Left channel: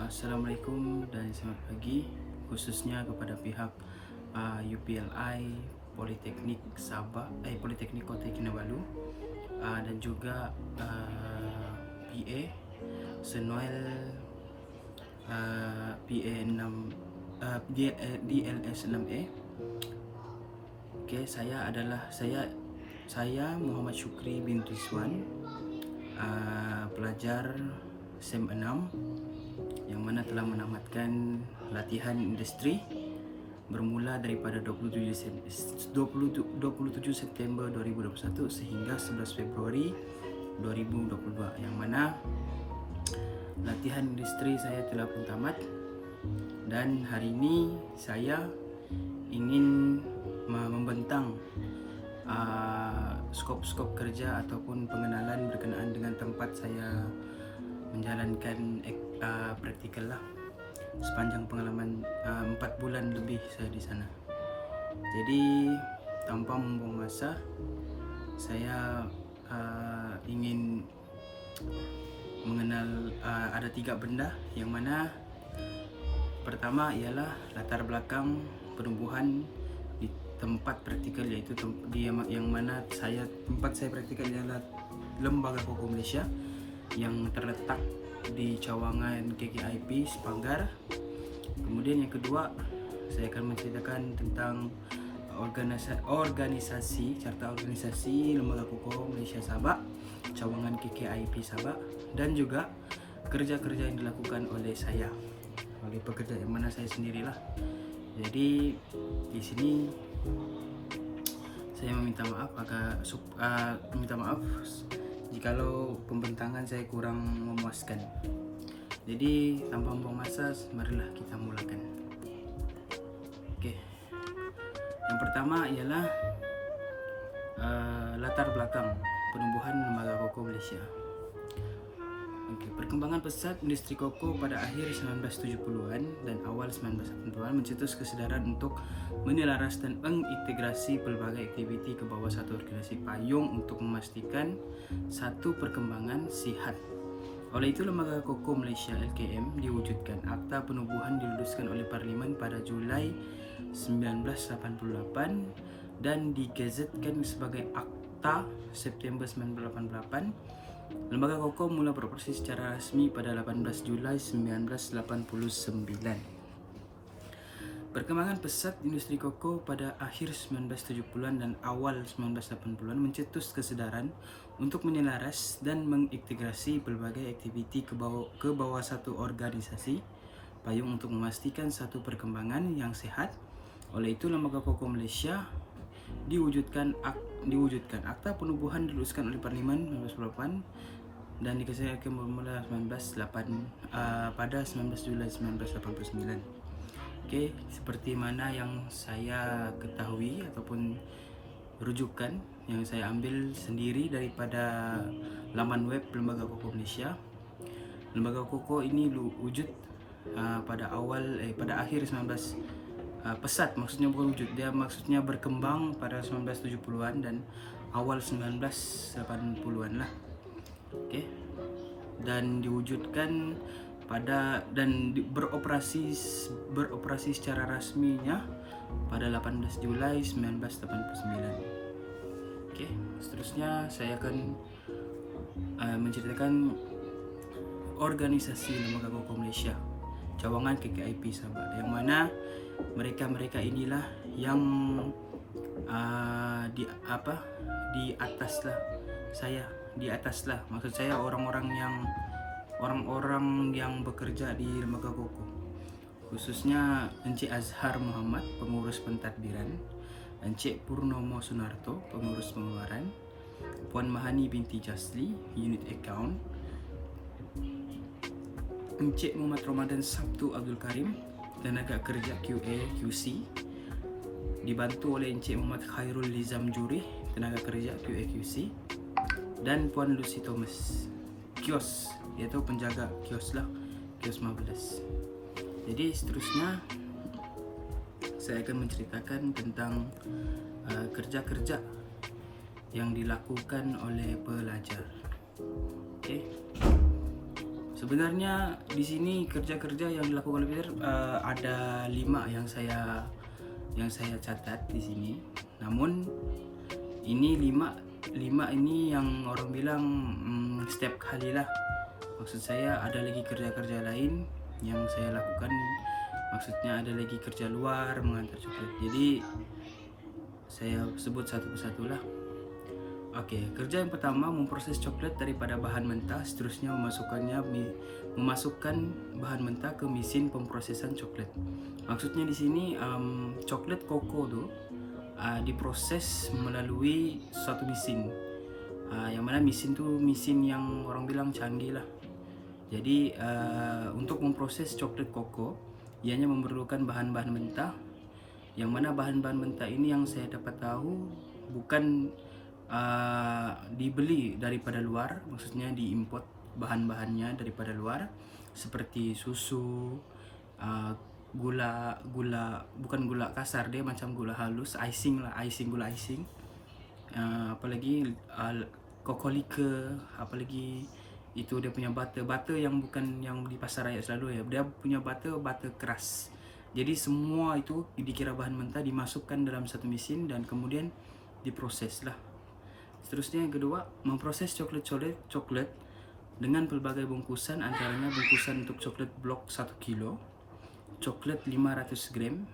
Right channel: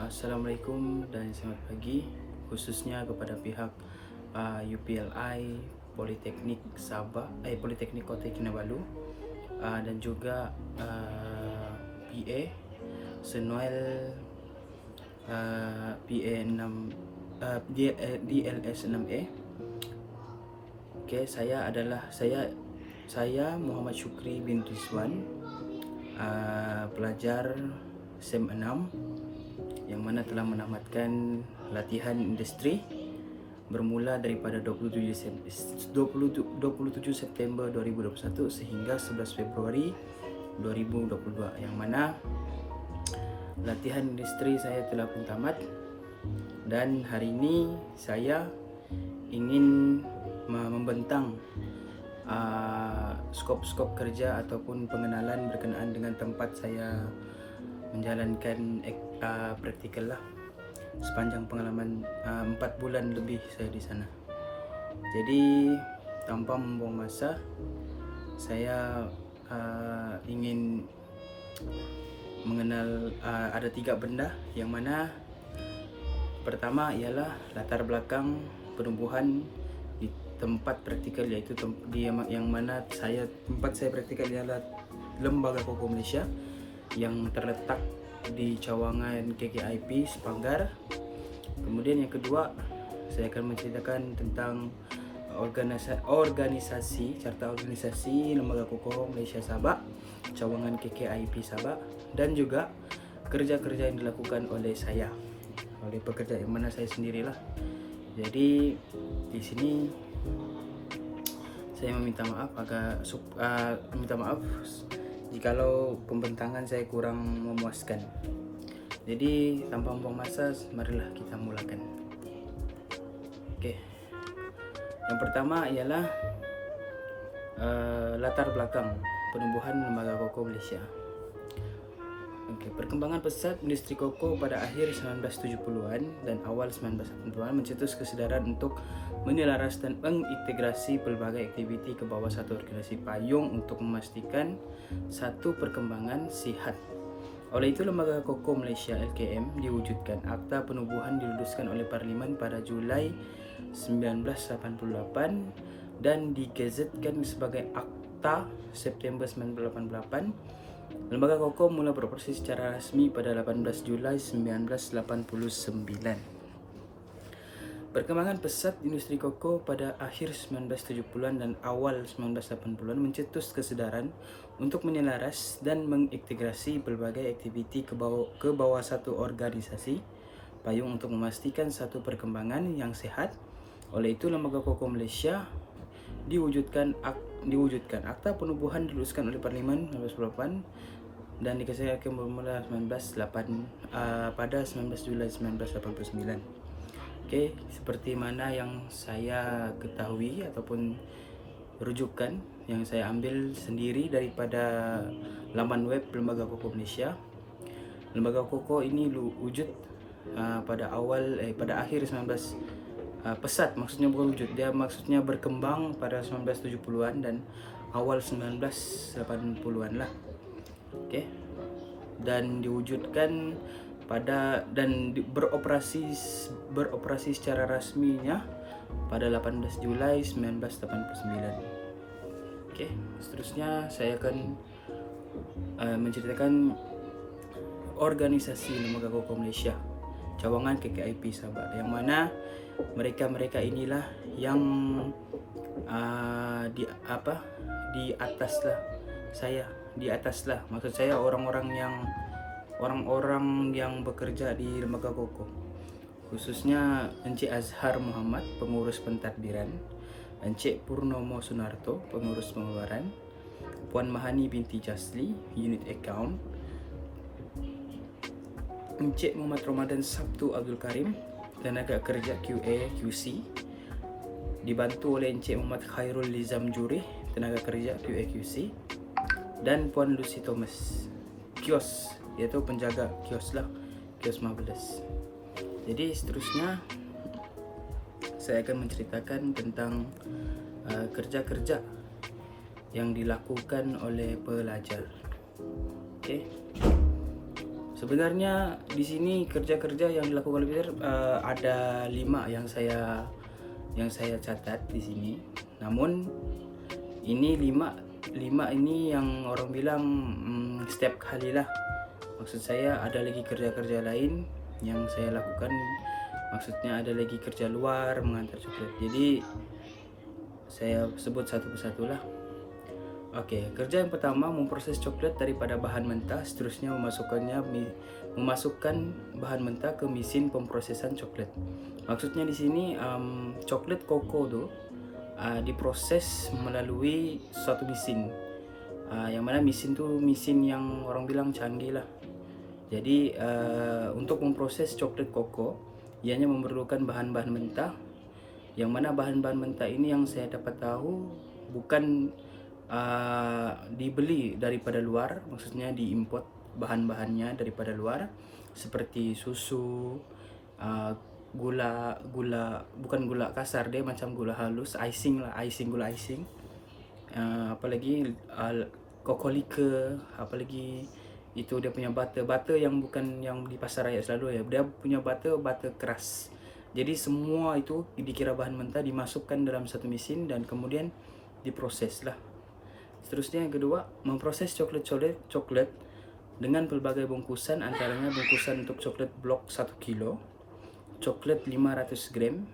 Assalamualaikum dan selamat pagi, khususnya kepada pihak UPLI Politeknik Sabah, Politeknik Kota Kinabalu, dan juga PA Senuel, PA 6 DLS 6A. Saya Muhammad Syukri bin Rizwan, pelajar SEM 6 yang mana telah menamatkan latihan industri bermula daripada 27 September 2021 sehingga 11 Februari 2022, yang mana latihan industri saya telah pun tamat, dan hari ini saya ingin membentang skop-skop kerja ataupun pengenalan berkenaan dengan tempat saya menjalankan praktikal lah sepanjang pengalaman 4 bulan lebih saya di sana. Jadi tanpa membuang masa, saya ingin mengenal ada 3 benda, yang mana pertama ialah latar belakang penubuhan di tempat praktikal, iaitu yang mana tempat saya praktikal ialah Lembaga Koko Malaysia yang terletak di cawangan KKIP Sepanggar. Kemudian yang kedua, saya akan menceritakan tentang organisasi carta organisasi Lembaga Koko Malaysia Sabah, cawangan KKIP Sabah, dan juga kerja-kerja yang dilakukan oleh pekerja yang mana saya sendirilah. Jadi di sini saya meminta maaf jikalau pembentangan saya kurang memuaskan. Jadi tanpa membuang masa, marilah kita mulakan. Oke. Yang pertama ialah latar belakang penubuhan Lembaga Koko Malaysia. Perkembangan pesat industri koko pada akhir 1970-an dan awal 1980-an mencetus kesedaran untuk menyelaraskan dan mengintegrasi pelbagai aktiviti ke bawah satu organisasi payung untuk memastikan satu perkembangan sihat. Oleh itu, Lembaga Koko Malaysia LKM diwujudkan. Akta penubuhan diluluskan oleh Parlimen pada Julai 1988 dan digazetkan sebagai Akta September 1988. Lembaga Koko mula beroperasi secara rasmi pada 18 Julai 1989. Perkembangan pesat industri koko pada akhir 1970-an dan awal 1980-an mencetus kesedaran untuk menyelaras dan mengintegrasi pelbagai aktiviti ke bawah satu organisasi payung untuk memastikan satu perkembangan yang sehat. Oleh itu, Lembaga Koko Malaysia diwujudkan. Akta penubuhan diluluskan oleh Parlimen 1988 dan dikesaksikan bermula pada 19 Julai 1989. Okey, seperti mana yang saya ketahui ataupun rujukan yang saya ambil sendiri daripada laman web Lembaga Koko Malaysia. Lembaga Koko ini wujud pada akhir 19 pesat, maksudnya bukan wujud, dia maksudnya berkembang pada 1970-an dan awal 1980-an lah. Okey. Dan diwujudkan beroperasi secara rasminya pada 18 Julai 1989. Okey, seterusnya saya akan menceritakan organisasi Lembaga Koko Malaysia cawangan KKIP Sabah, yang mana mereka inilah yang di atas lah, maksud saya orang-orang yang bekerja di Lembaga Koko, khususnya Encik Azhar Muhammad, pengurus pentadbiran, Encik Purnomo Sunarto, pengurus pengeluaran, Puan Mahani binti Jasli, unit account, Encik Muhammad Ramadan Sabtu Abdul Karim, tenaga kerja QA QC, dibantu oleh Encik Muhammad Khairul Lizam Jurih, tenaga kerja QA QC, dan Puan Lucy Thomas, kios, iaitu penjaga kios 15. Jadi seterusnya saya akan menceritakan tentang kerja-kerja yang dilakukan oleh pelajar. Okey. Sebenarnya di sini kerja-kerja yang dilakukan oleh Peter ada 5 yang saya catat di sini. Namun ini 5 ini yang orang bilang setiap kali lah. Maksud saya ada lagi kerja-kerja lain yang saya lakukan. Maksudnya ada lagi kerja luar mengantar coklat. Jadi saya sebut satu persatu lah. Oke, kerja yang pertama memproses coklat daripada bahan mentah, seterusnya memasukkan bahan mentah ke mesin pemprosesan coklat. Maksudnya di sini coklat koko tuh diproses melalui suatu mesin, yang mana mesin tuh mesin yang orang bilang canggih lah. Jadi untuk memproses coklat koko, ianya memerlukan bahan-bahan mentah, yang mana bahan-bahan mentah ini yang saya dapat tahu bukan dibeli daripada luar, maksudnya diimport bahan-bahannya daripada luar, seperti susu, gula bukan gula kasar, dia macam gula halus, icing lah, gula icing, apalagi cocoa liquor, apalagi itu dia punya butter yang bukan yang di pasar raya selalu ya, dia punya butter keras. Jadi semua itu dikira bahan mentah dimasukkan dalam satu mesin dan kemudian diproses lah. Seterusnya yang kedua, memproses coklat dengan pelbagai bungkusan, antaranya bungkusan untuk coklat blok 1 kilo, coklat 500 gram,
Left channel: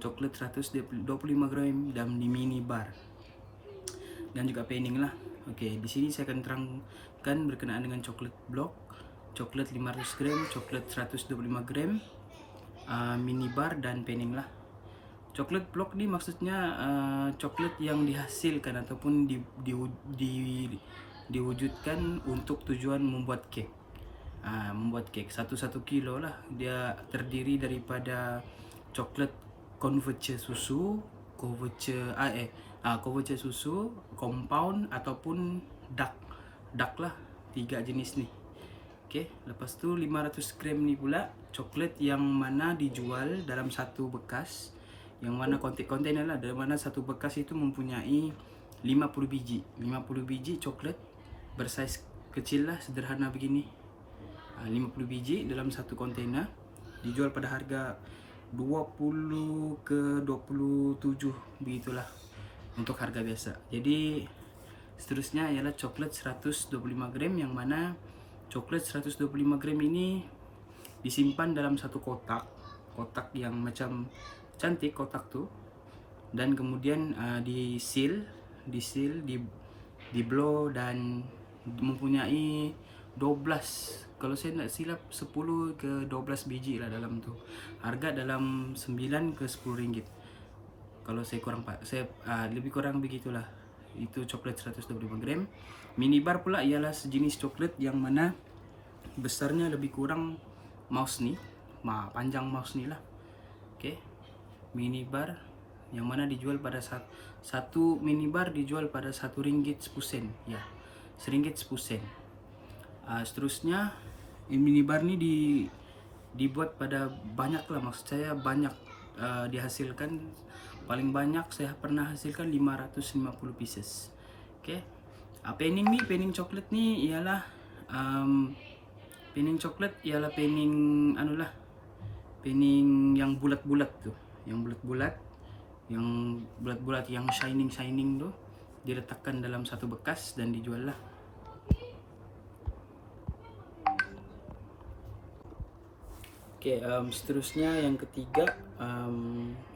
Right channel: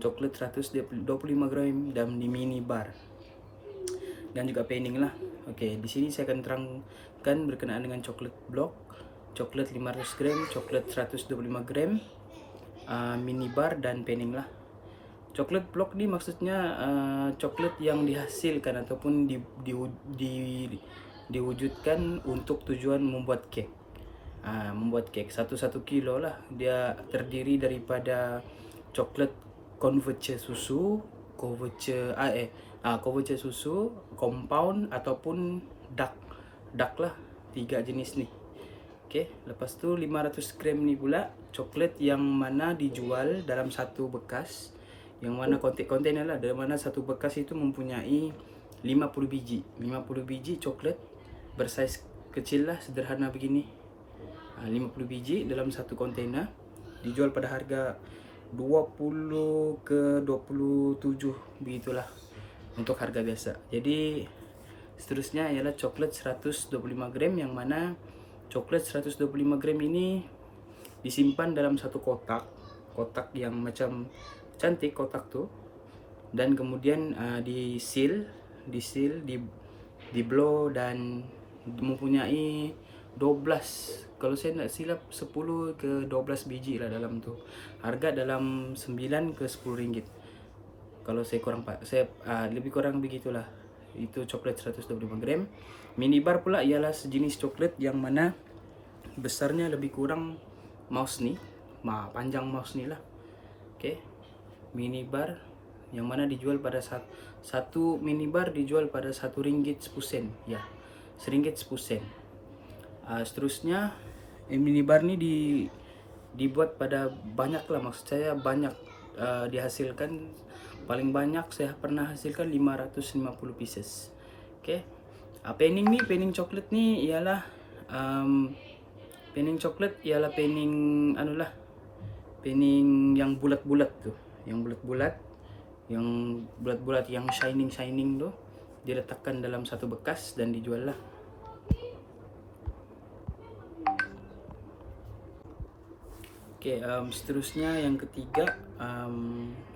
coklat 125 gram, dan di mini bar, dan juga penning lah. Oke, di sini saya akan terangkan berkenaan dengan coklat blok, coklat 500 gram, coklat 125 gram, mini bar, dan penning lah. Coklat blok ini maksudnya coklat yang dihasilkan ataupun diwujudkan untuk tujuan membuat cake. Membuat cake 1 kilo lah. Dia terdiri daripada coklat couverture susu, couverture susu, compound ataupun dark lah, 3 jenis nih. Oke, lepas tu 500 gram ni pula coklat yang mana dijual dalam satu bekas, yang mana kontainer lah, dari mana satu bekas itu mempunyai 50 biji coklat bersaiz kecil lah, sederhana begini. 50 biji dalam satu kontainer, dijual pada harga 20 ke 27 begitulah untuk harga biasa. Jadi seterusnya ialah coklat 125 gram, yang mana coklat 125 gram ini disimpan dalam satu kotak yang macam cantik kotak tuh, dan kemudian di blow, dan mempunyai 12, kalau saya tidak silap 10 ke 12 biji lah dalam tuh. Harga dalam 9 ke 10 ringgit. Kalau saya lebih kurang begitulah. Itu coklat 125 gram. Mini bar pula ialah sejenis coklat yang mana besarnya lebih kurang mouse nih, panjang mouse nih lah. Oke. Mini bar yang mana dijual pada satu mini bar dijual pada 1 ringgit 10 sen ya, 1 ringgit 10 sen. Seterusnya mini bar ini dibuat pada banyak lah, maksud saya banyak, dihasilkan paling banyak saya pernah hasilkan 550 pieces. Oke. Penning coklat ni ialah penning coklat ialah penning penning yang bulat-bulat tuh, yang bulat-bulat yang shining tuh, diletakkan dalam satu bekas dan dijual lah. Oke, seterusnya yang ketiga,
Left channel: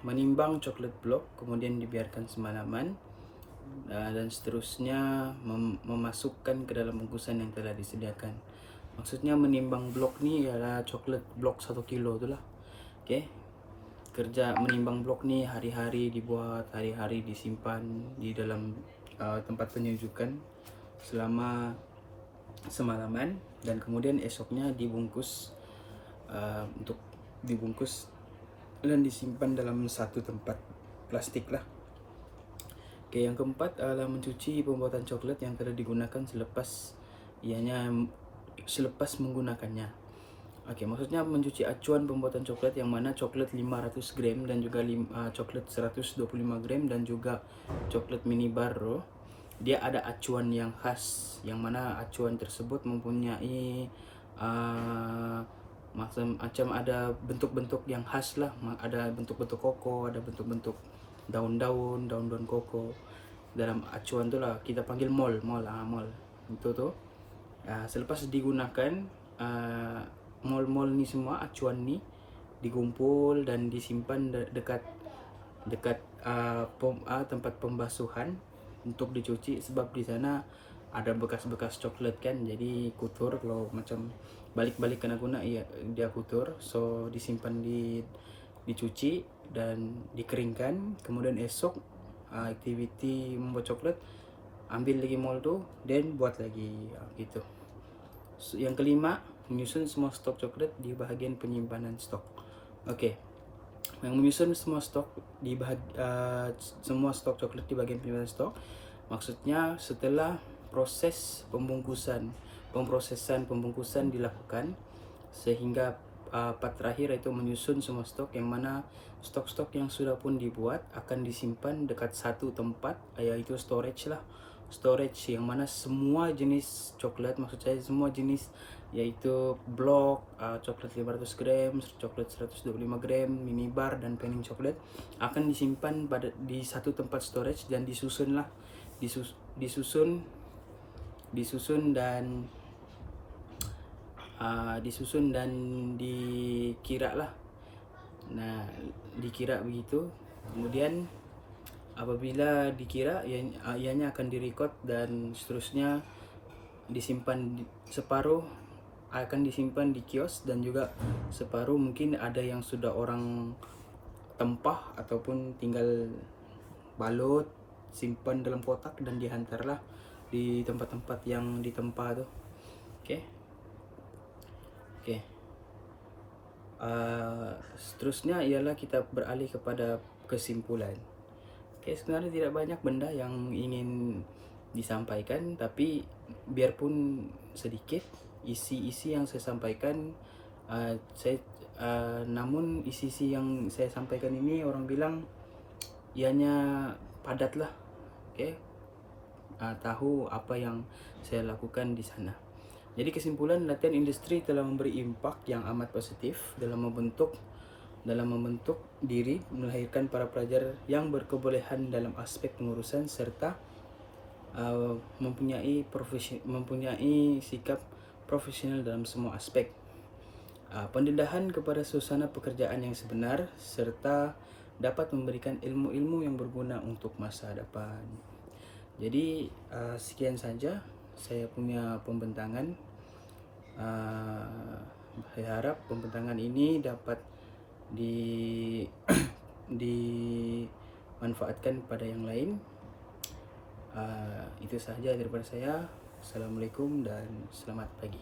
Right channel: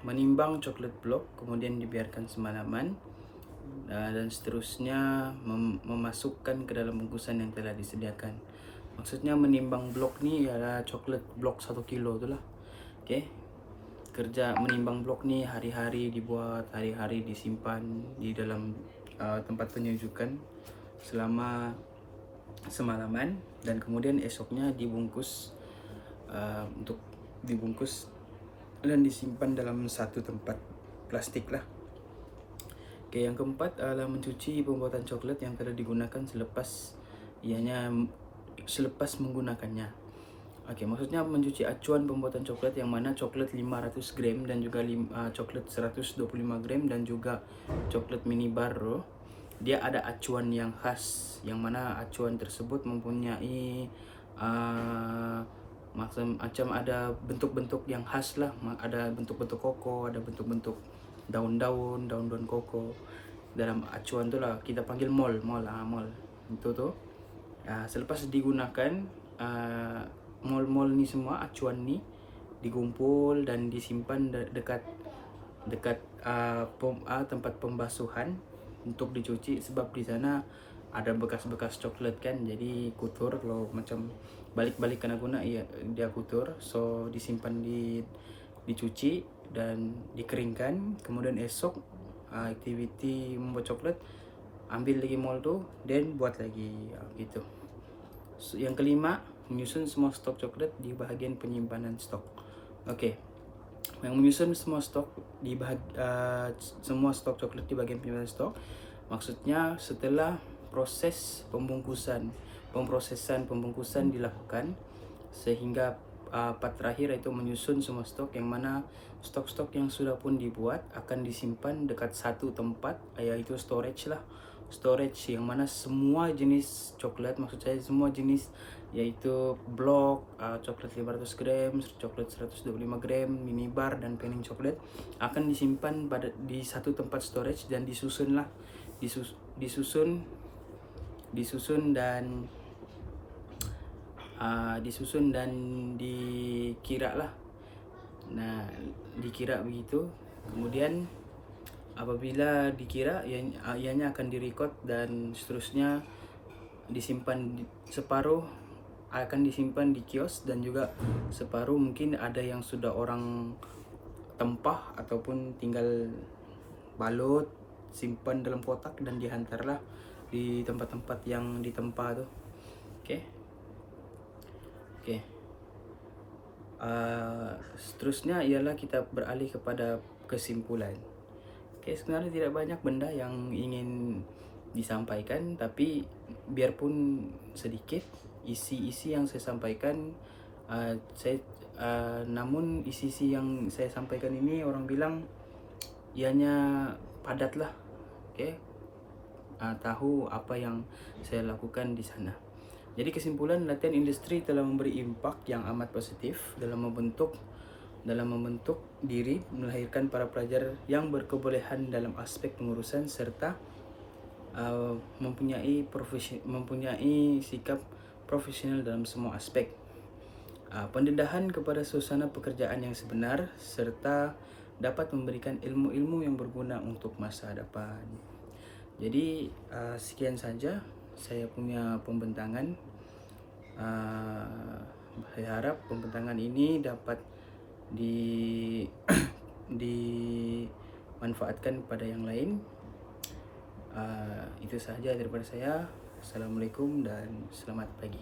menimbang coklat blok kemudian dibiarkan semalaman, dan seterusnya memasukkan ke dalam bungkusan yang telah disediakan. Maksudnya menimbang blok ni ialah coklat blok 1 kilo tu lah. Oke. Kerja menimbang blok ni hari-hari dibuat, hari-hari disimpan di dalam tempat penyujukan selama semalaman, dan kemudian esoknya dibungkus, untuk dibungkus dan disimpan dalam satu tempat plastik lah. Oke, yang keempat adalah mencuci pembuatan coklat yang telah digunakan selepas menggunakannya. Oke, maksudnya mencuci acuan pembuatan coklat, yang mana coklat 500 gram dan juga coklat 125 gram dan juga coklat mini bar, dia ada acuan yang khas, yang mana acuan tersebut mempunyai macam ada bentuk-bentuk yang khas lah, ada bentuk-bentuk koko, ada bentuk-bentuk daun-daun koko. Dalam acuan tu lah kita panggil mol itu tuh. Selepas digunakan mol ni semua, acuan ni dikumpul dan disimpan dekat tempat pembasuhan untuk dicuci, sebab di sana ada bekas-bekas coklat kan, jadi kotor. Kalau macam balik-balik kena guna ya dia kotor, so disimpan dicuci dan dikeringkan. Kemudian esok aktiviti membuat coklat, ambil lagi mol tuh dan buat lagi gitu. Yang kelima, menyusun semua stok coklat di bahagian penyimpanan stok. Oke. Yang menyusun semua stok semua stok coklat di bagian penyimpanan stok, maksudnya setelah proses pembungkusan dilakukan, sehingga part terakhir itu menyusun semua stok, yang mana stok-stok yang sudah pun dibuat akan disimpan dekat satu tempat, yaitu storage lah. Storage yang mana semua jenis coklat, maksud saya semua jenis, yaitu blok, coklat 500 gram, coklat 125 gram, mini bar, dan penning coklat akan disimpan di satu tempat storage dan disusun dan dikira lah. Nah, dikira begitu. Kemudian apabila dikira, ianya akan direkod dan seterusnya disimpan. Separuh akan disimpan di kios, dan juga separuh mungkin ada yang sudah orang tempah ataupun tinggal balut, simpan dalam kotak dan dihantarlah di tempat-tempat yang ditempa tuh. Oke. Seterusnya ialah kita beralih kepada kesimpulan. Sebenarnya tidak banyak benda yang ingin disampaikan, tapi biarpun sedikit isi-isi yang saya sampaikan, namun isi-isi yang saya sampaikan ini orang bilang ianya padat lah. Tahu apa yang saya lakukan di sana. Jadi kesimpulan, latihan industri telah memberi impak yang amat positif dalam membentuk diri, melahirkan para pelajar yang berkebolehan dalam aspek pengurusan, serta mempunyai sikap profesional dalam semua aspek. Pendedahan kepada suasana pekerjaan yang sebenar, serta dapat memberikan ilmu-ilmu yang berguna untuk masa depan. Jadi sekian saja saya punya pembentangan. Saya harap pembentangan ini dapat dimanfaatkan pada yang lain. Itu saja daripada saya. Assalamualaikum dan selamat pagi.